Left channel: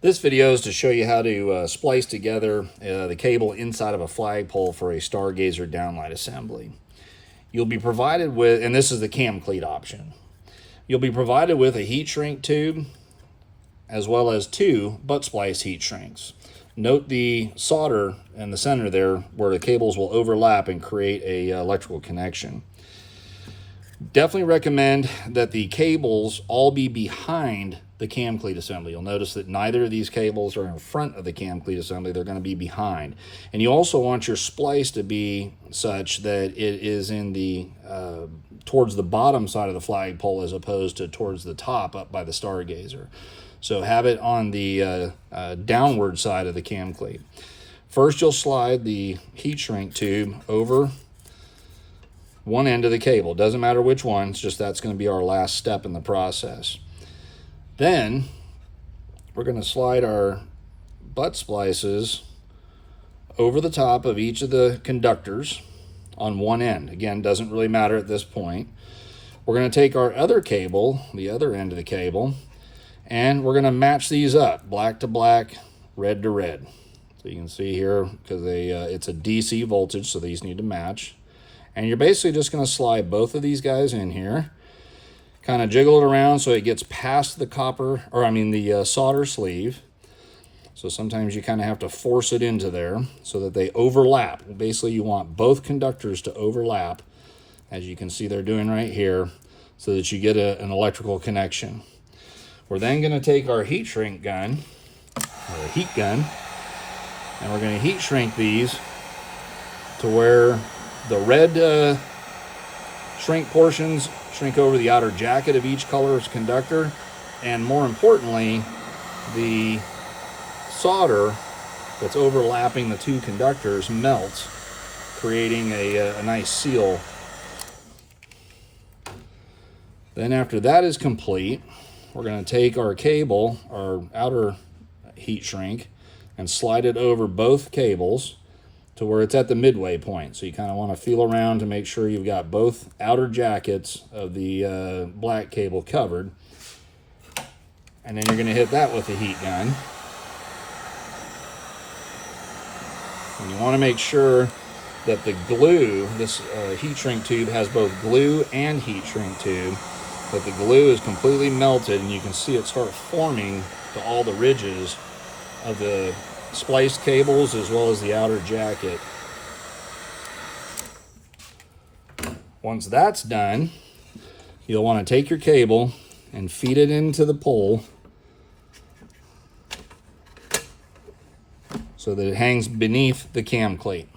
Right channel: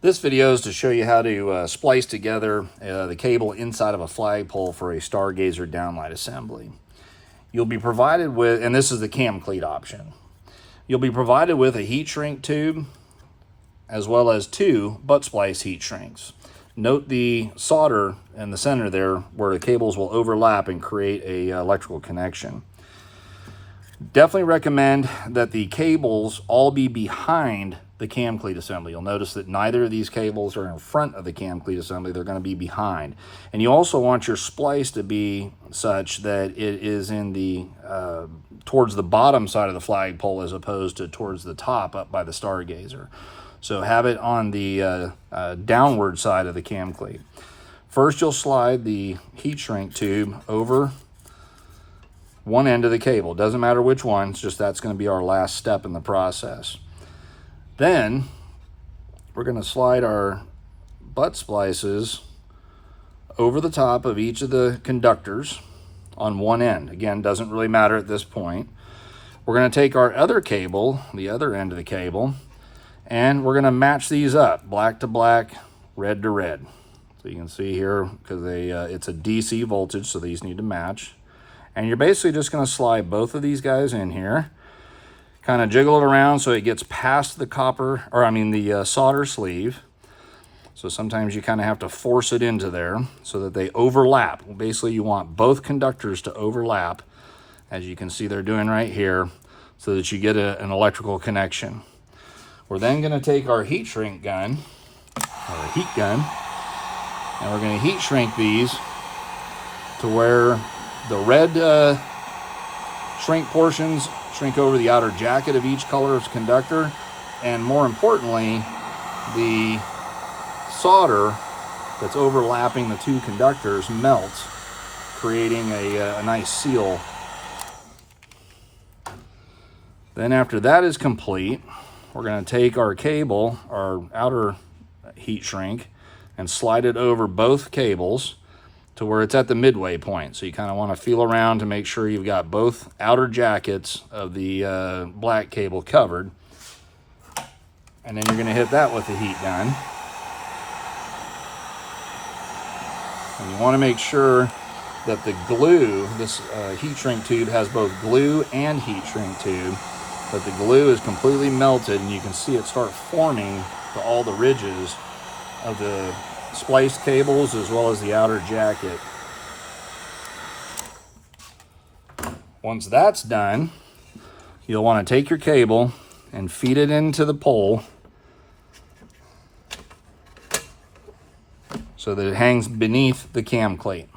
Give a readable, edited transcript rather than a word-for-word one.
This video is to show you how to splice together the cable inside of a flagpole for a Stargazer downlight assembly. You'll be provided with, and this is the cam cleat option, you'll be provided with a heat shrink tube as well as 2 butt splice heat shrinks. Note the solder in the center there where the cables will overlap and create a electrical connection. Definitely recommend that the cables all be behind the cam cleat assembly. You'll notice that neither of these cables are in front of the cam cleat assembly. They're going to be behind. And you also want your splice to be such that it is in the towards the bottom side of the flagpole as opposed to towards the top up by the Stargazer. So have it on the downward side of the cam cleat. First, you'll slide the heat shrink tube over one end of the cable. Doesn't matter which one, it's just that's going to be our last step in the process. Then we're going to slide our butt splices over the top of each of the conductors on one end. Again, doesn't really matter at this point. We're going to take our other cable, the other end of the cable, and we're going to match these up, black to black, red to red. So you can see here, because it's a DC voltage, so these need to match. And you're basically just going to slide both of these guys in here, kind of jiggle it around so it gets past the the solder sleeve. So sometimes you kind of have to force it into there so that they overlap. Basically, you want both conductors to overlap, as you can see they're doing right here, so that you get an electrical connection. We're then going to take our heat shrink gun, or heat gun, and we're going to heat shrink these to where the red shrink portions shrink over the outer jacket of each color's conductor, and more importantly, the solder that's overlapping the 2 conductors melts, creating a nice seal. Then after that is complete, we're going to take our cable, our outer heat shrink, and slide it over both cables to where it's at the midway point. So you kind of want to feel around to make sure you've got both outer jackets of the black cable covered. And then you're going to hit that with the heat gun. And you want to make sure that the glue, this heat shrink tube has both glue and heat shrink tube, but the glue is completely melted and you can see it start forming to all the ridges of the splice cables as well as the outer jacket. Once that's done, you'll want to take your cable and feed it into the pole so that it hangs beneath the cam cleat.